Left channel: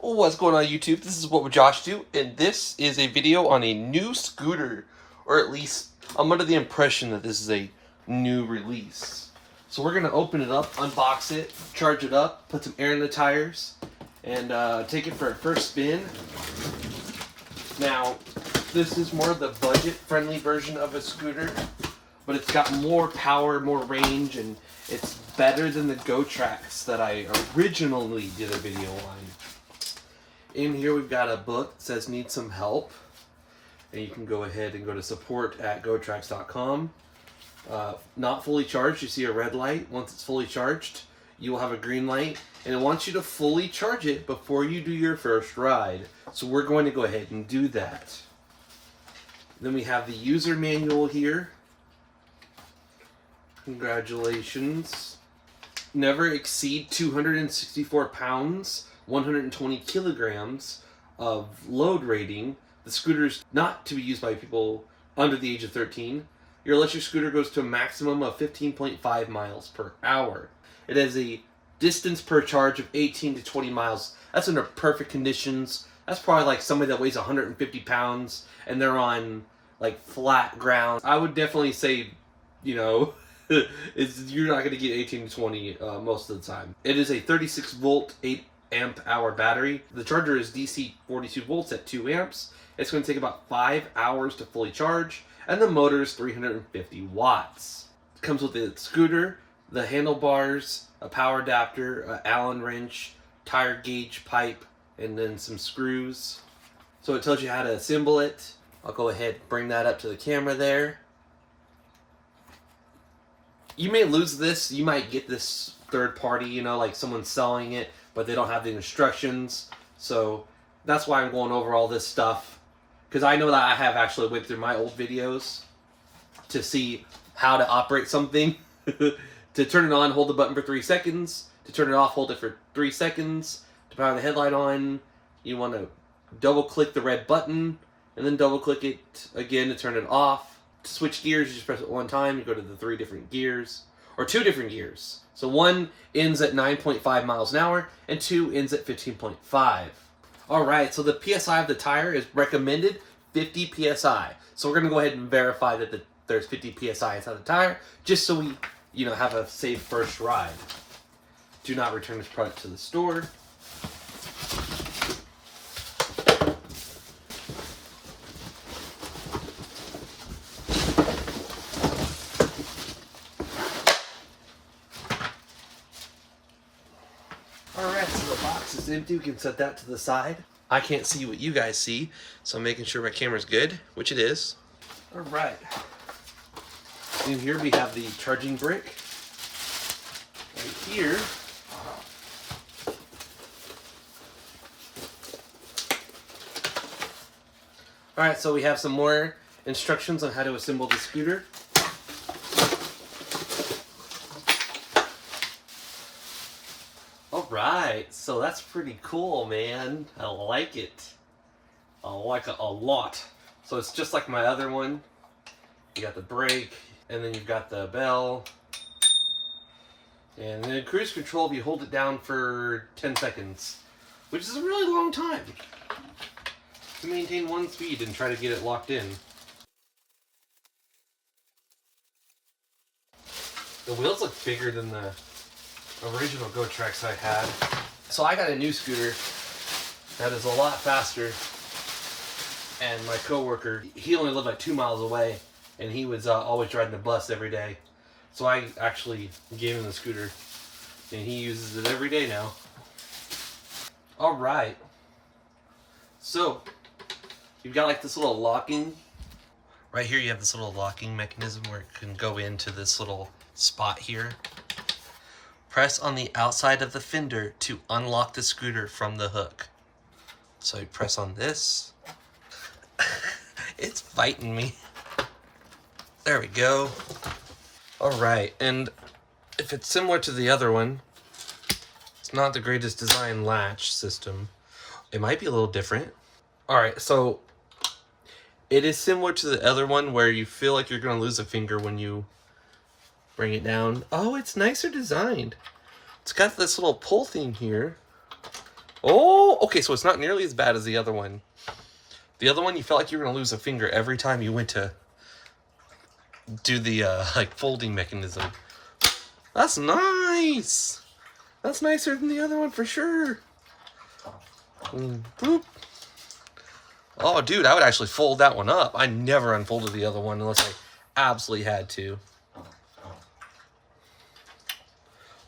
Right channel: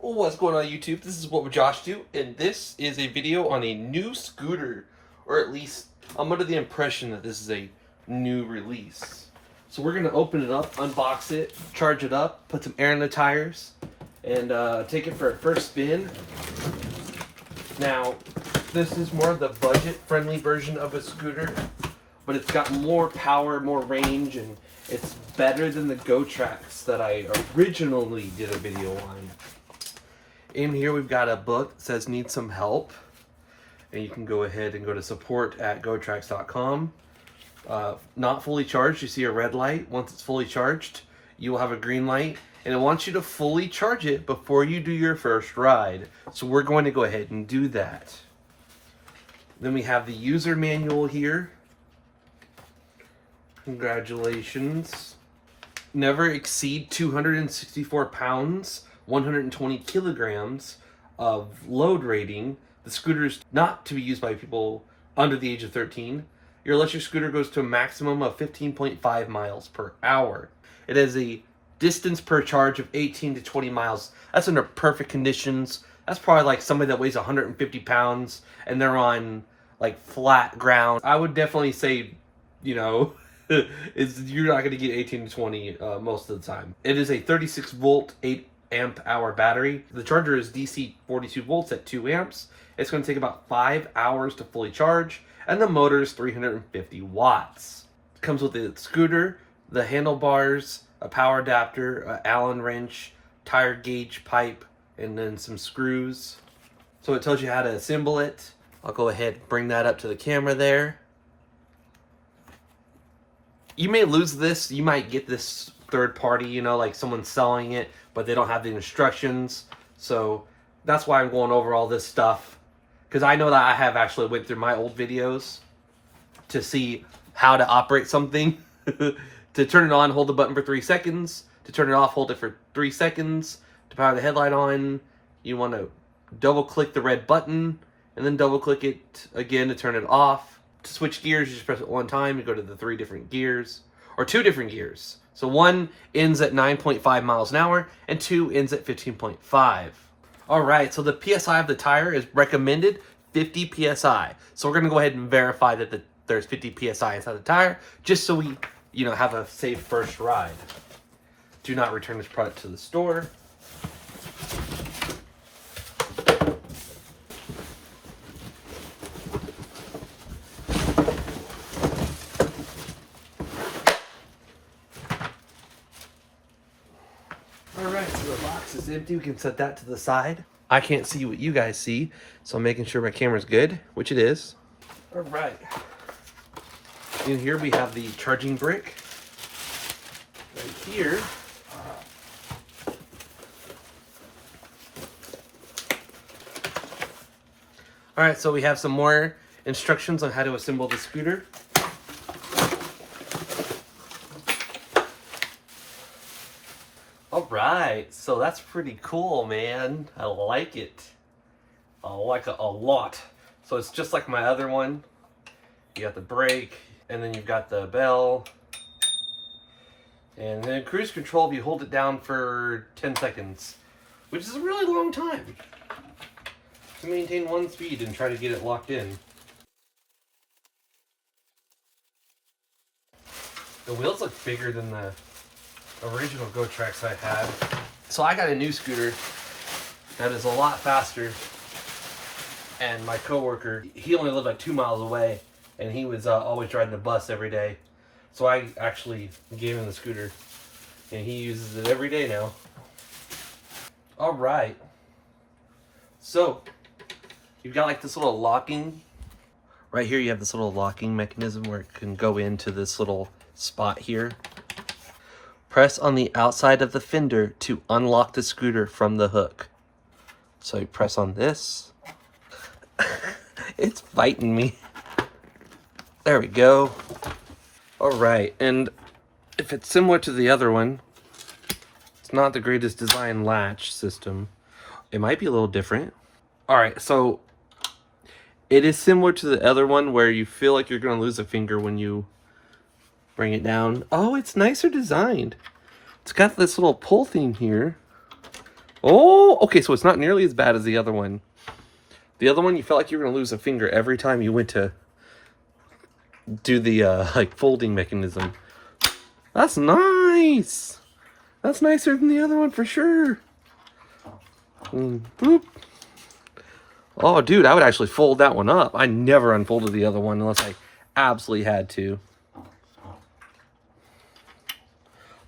What's going on YouTube? This is What Would Josh Do, and this is a video on a new scooter, or at least I'm under the impression that this is a new release. So we're gonna open it up, unbox it, charge it up, put some air in the tires, and take it for a first spin. Now, this is more the budget-friendly version of a scooter, but it's got more power, more range, and it's better than the Gotrax that I originally did a video on. In here we've got a book that says need some help, and you can go ahead and go to support@gotrax.com. Not fully charged, you see a red light. Once it's fully charged, you will have a green light, and it wants you to fully charge it before you do your first ride. So we're going to go ahead and do that. Then we have the user manual here. Congratulations. Never exceed 264 pounds, 120 kilograms of load rating. The scooter is not to be used by people under the age of 13. Your electric scooter goes to a maximum of 15.5 miles per hour. It has a distance per charge of 18 to 20 miles. That's under perfect conditions. That's probably like somebody that weighs 150 pounds and they're on like flat ground. I would definitely say, you know, you're not going to get 18 to 20 most of the time. It is a 36 volt, 8 amp hour battery. The charger is DC 42 volts at 2 amps. It's going to take about 5 hours to fully charge, and the motor is 350 watts. It comes with the scooter, the handlebars, a power adapter, an Allen wrench, tire gauge pipe, and then some screws. So it tells you how to assemble it. I'll go ahead and bring that up to the camera there. You may lose this. You might get this third party, you know, like someone's selling it, but they don't have the instructions. So that's why I'm going over all this stuff, because I know that I have actually went through my old videos to see how to operate something. To turn it on, hold the button for 3 seconds. To turn it off, hold it for 3 seconds. To power the headlight on, you want to double click the red button and then double click it again to turn it off. To switch gears, you just press it one time. You go to the 3 different gears, or 2 different gears. So 1 ends at 9.5 miles an hour, and 2 ends at 15.5. All right, so the PSI of the tire is recommended 50 PSI. So we're gonna go ahead and verify that there's 50 PSI inside the tire, just so we, you know, have a safe first ride. Do not return this product to the store. Alright, so the box is empty. We can set that to the side. I can't see what you guys see, so I'm making sure my camera's good, which it is. Alright. In here we have the charging brick. Right here. Alright, so we have some more instructions on how to assemble the scooter. Alright, so that's pretty cool, man. I like it. I like it a lot. So it's just like my other one. You got the brake, and then you've got the bell. And then cruise control, if you hold it down for 10 seconds, which is a really long time to maintain one speed and try to get it locked in. The wheels look bigger than the original Gotrax I had. So I got a new scooter that is a lot faster, and my coworker, he only lived like 2 miles away, and he was always riding the bus every day. So I actually gave him the scooter, and he uses it every day now. All right. So you've got like this little locking. Right here you have this little locking mechanism where it can go into this little spot here. Press on the outside of the fender to unlock the scooter from the hook. So you press on this. It's biting me. There we go. All right, and if it's similar to the other one, it's not the greatest design latch system. It might be a little different. All right, so it is similar to the other one where you feel like you're gonna lose a finger when you bring it down. Oh, it's nicer designed. It's got this little pull thing here Oh, okay, so it's not nearly as bad as the other one. The other one, you felt like you were going to lose a finger every time you went to do the like folding mechanism. That's nice. That's nicer than the other one for sure. Boop. Oh, dude, I would actually fold that one up. I never unfolded the other one unless I absolutely had to.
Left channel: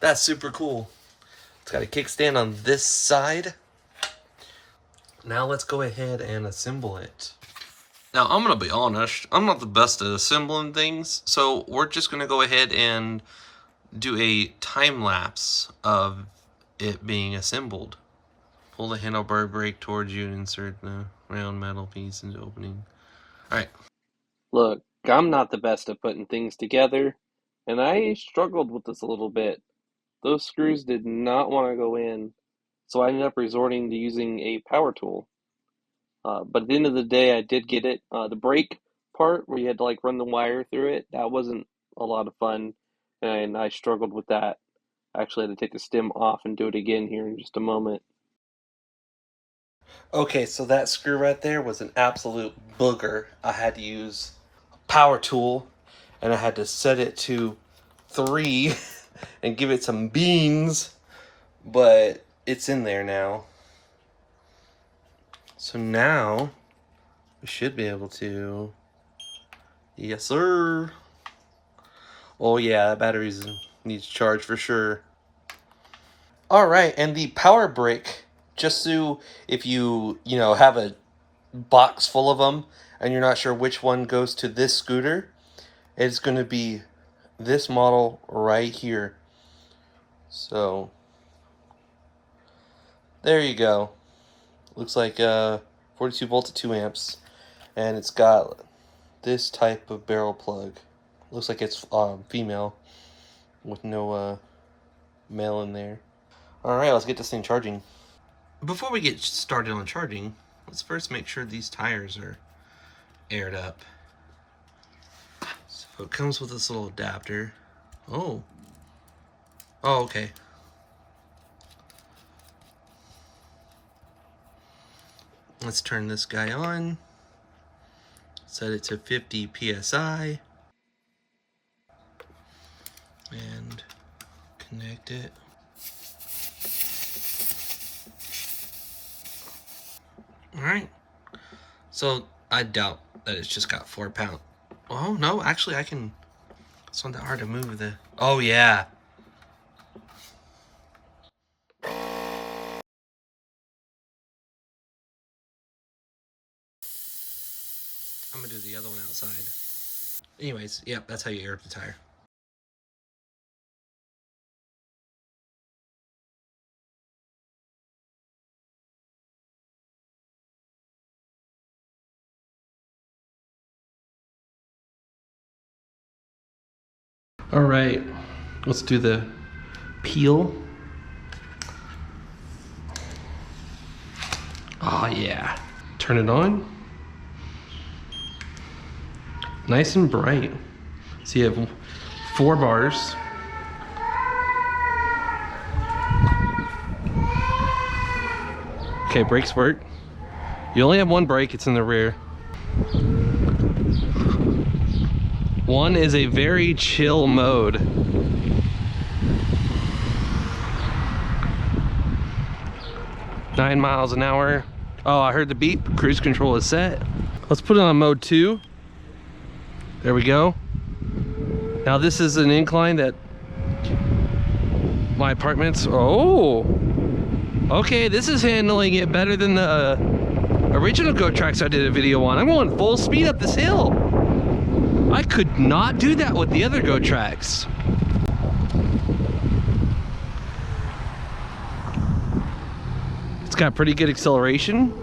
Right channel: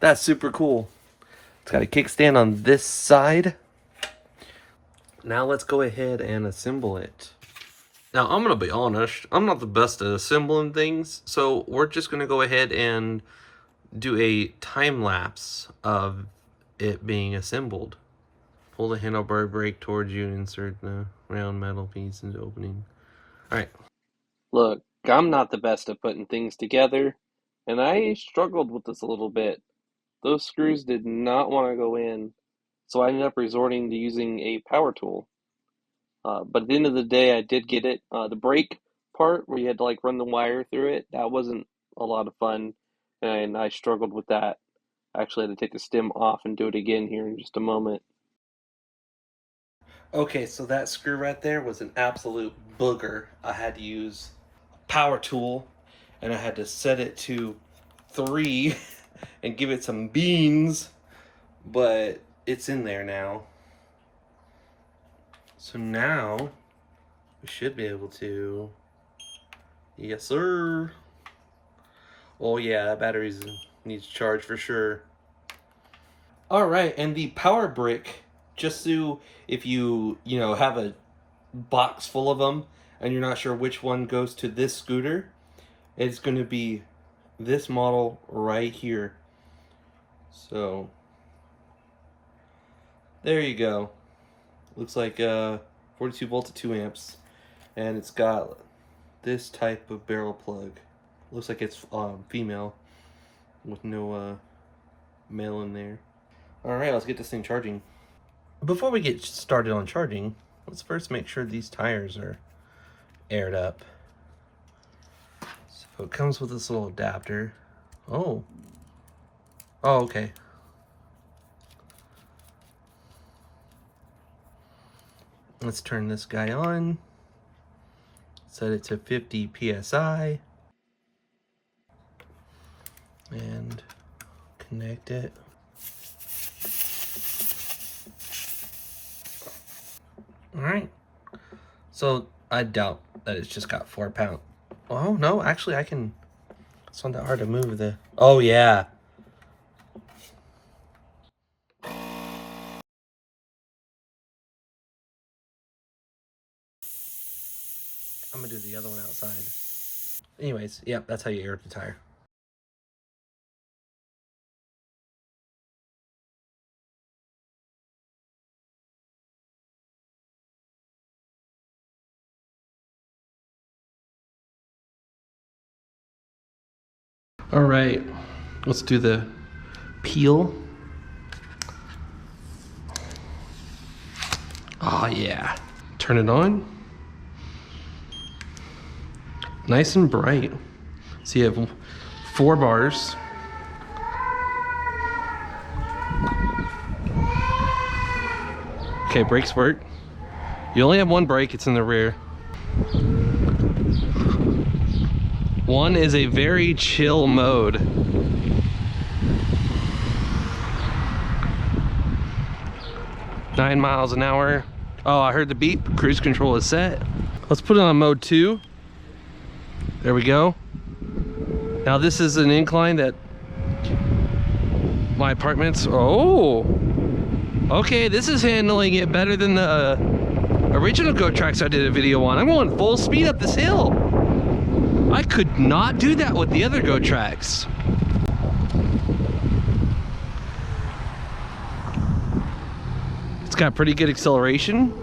That's super cool. It's got a kickstand on this side. Now let's go ahead and assemble it. Now, I'm going to be honest. I'm not the best at assembling things, so we're just going to go ahead and do a time lapse of it being assembled. Pull the handlebar brake towards you and insert the round metal piece into opening. Alright. Look, I'm not the best at putting things together, and I struggled with this a little bit. Those screws did not want to go in, so I ended up resorting to using a power tool. But at the end of the day, I did get it. The brake part, where you had to like run the wire through it, that wasn't a lot of fun, and I struggled with that. I actually had to take the stem off and do it again here in just a moment. Okay, so that screw right there was an absolute booger. I had to use a power tool, and I had to set it to 3 and give it some beans, but it's in there now. So now we should be able to, yes sir. Oh yeah, batteries needs charge for sure. All right, and the power brick, just so if you have a box full of them and you're not sure which one goes to this scooter, it's going to be this model right here. So there you go. Looks like 42 volts at 2 amps, and it's got this type of barrel plug. Looks like it's female with no male in there. Alright, let's get this thing charging. Before we get started on charging, let's first make sure these tires are aired up. So it comes with this little adapter. Oh, okay. Let's turn this guy on. Set it to 50 psi. And connect it. Alright. So I doubt that it's just got 4 pounds. Oh no, actually I can. It's not that hard to move the. Oh yeah. I'm gonna do the other one outside. Anyways, yep, that's how you air up the tire. All right, let's do the peel. Oh yeah. Turn it on. Nice and bright. So you have 4 bars. Okay, brakes work. You only have 1 brake, it's in the rear. 1 is a very chill mode. Nine miles an hour. Oh, I heard the beep. Cruise control is set. Let's put it on mode 2. There we go. Now this is an incline that my apartment's. Oh, okay. This is handling it better than the original Gotrax I did a video on. I'm going full speed up this hill. I could not do that with the other Gotrax. It's got pretty good acceleration.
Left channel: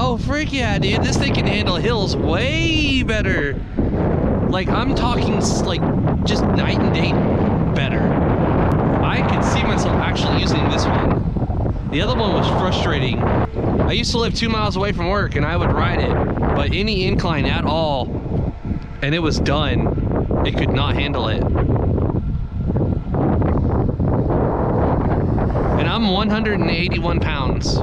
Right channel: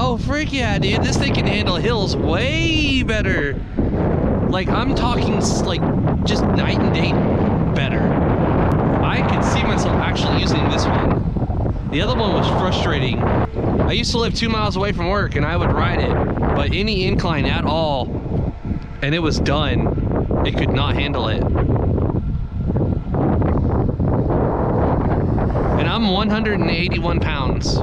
Oh, frick yeah, dude. This thing can handle hills way better Like, I'm talking like just night and day better. I could see myself actually using this one. The other one was frustrating. I used to live 2 miles away from work and I would ride it, but any incline at all, and it was done. It could not handle it. And I'm 181 pounds.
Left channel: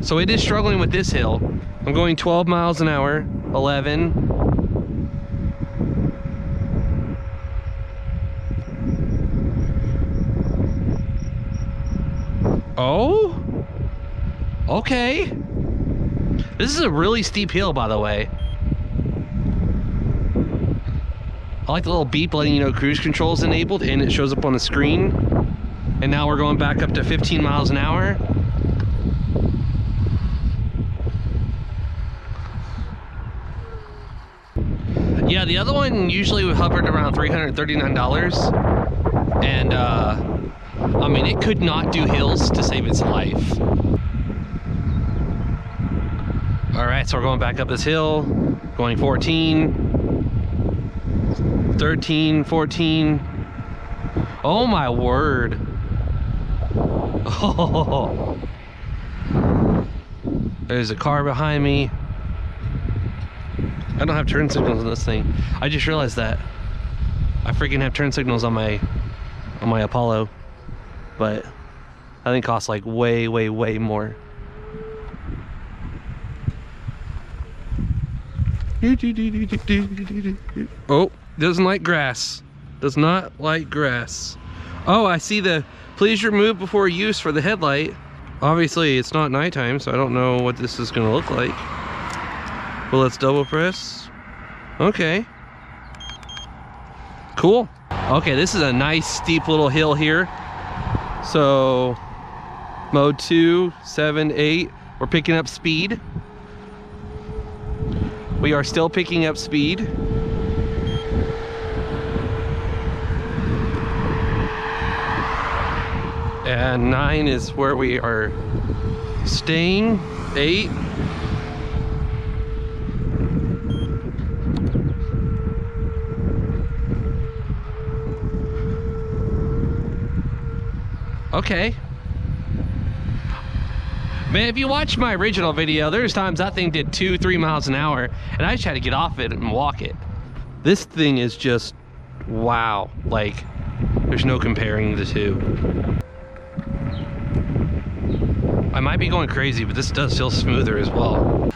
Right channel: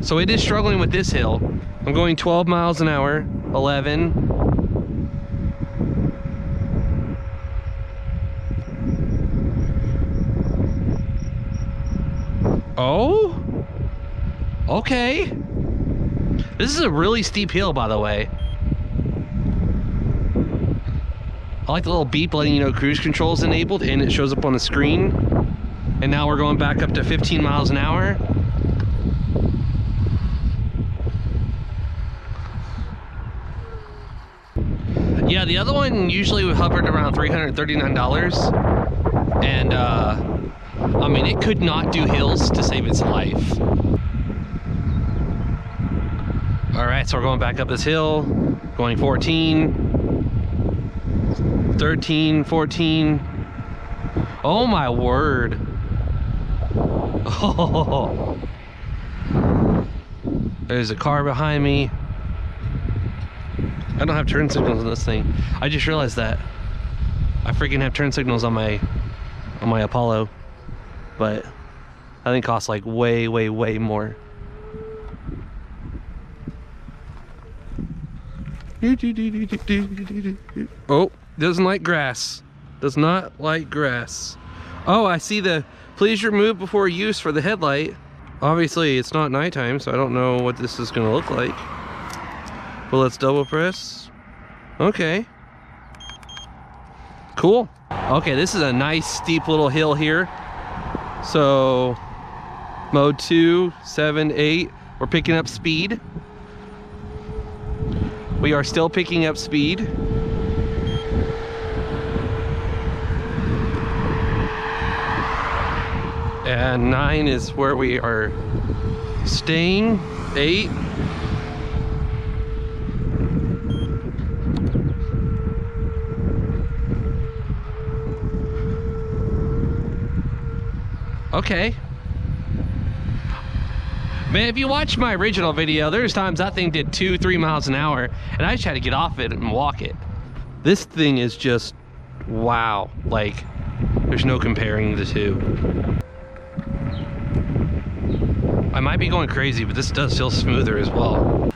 So it is struggling with this hill. I'm going 12 miles an hour, 11. Oh? Okay. This is a really steep hill, by the way. I like the little beep letting you know cruise control is enabled and it shows up on the screen. And now we're going back up to 15 miles an hour. Yeah, the other one usually hovered around $339. And I mean, it could not do hills to save its life. All right, so we're going back up this hill, going 14, 13, 14. Oh my word. Oh. There's a car behind me. I don't have turn signals on this thing. I just realized that. I freaking have turn signals on my Apollo. But I think it costs like way more. Oh, doesn't like grass. Does not like grass. Oh, I see the please remove before use for the headlight. Obviously it's not nighttime, so I don't know what this is gonna look like. But let's double press. Okay. Cool. Okay, this is a nice steep little hill here. So mode 2, 7, 8, we're picking up speed. We are still picking up speed. And 9 is where we are staying. 8. Okay. Man, if you watch my original video, there's times that thing did 2-3 miles an hour and I just had to get off it and walk it. This thing is just, wow. Like, there's no comparing the two. I might be going crazy, but this does feel smoother as well.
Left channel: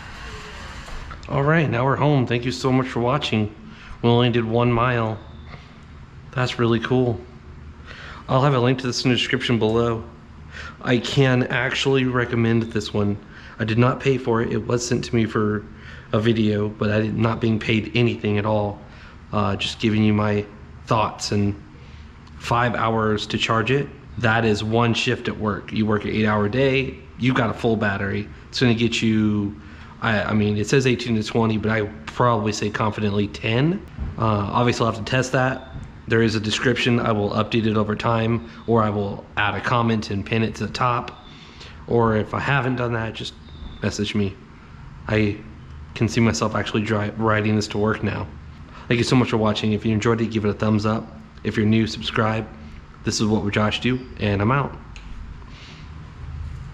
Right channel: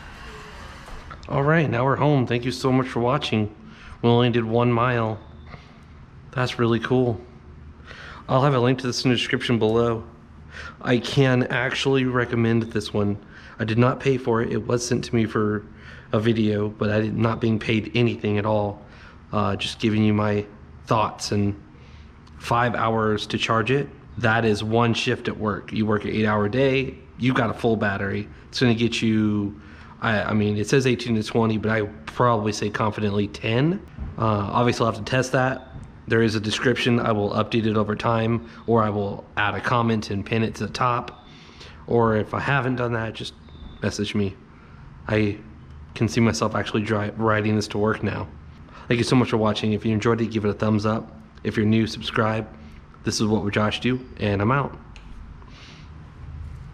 All right, now we're home. Thank you so much for watching. We only did 1 mile. That's really cool. I'll have a link to this in the description below. I can actually recommend this one. I did not pay for it. It was sent to me for a video, but I did not being paid anything at all. Just giving you my thoughts. And 5 hours to charge it. That is 1 shift at work. You work an 8-hour day, you've got a full battery. It's gonna get you, I mean, it says 18 to 20, but I probably say confidently 10. Obviously I'll have to test that. There is a description. I will update it over time, or I will add a comment and pin it to the top. Or if I haven't done that, just message me. I can see myself actually riding this to work now. Thank you so much for watching. If you enjoyed it, give it a thumbs up. If you're new, subscribe. This is What Would Josh Do, and I'm out.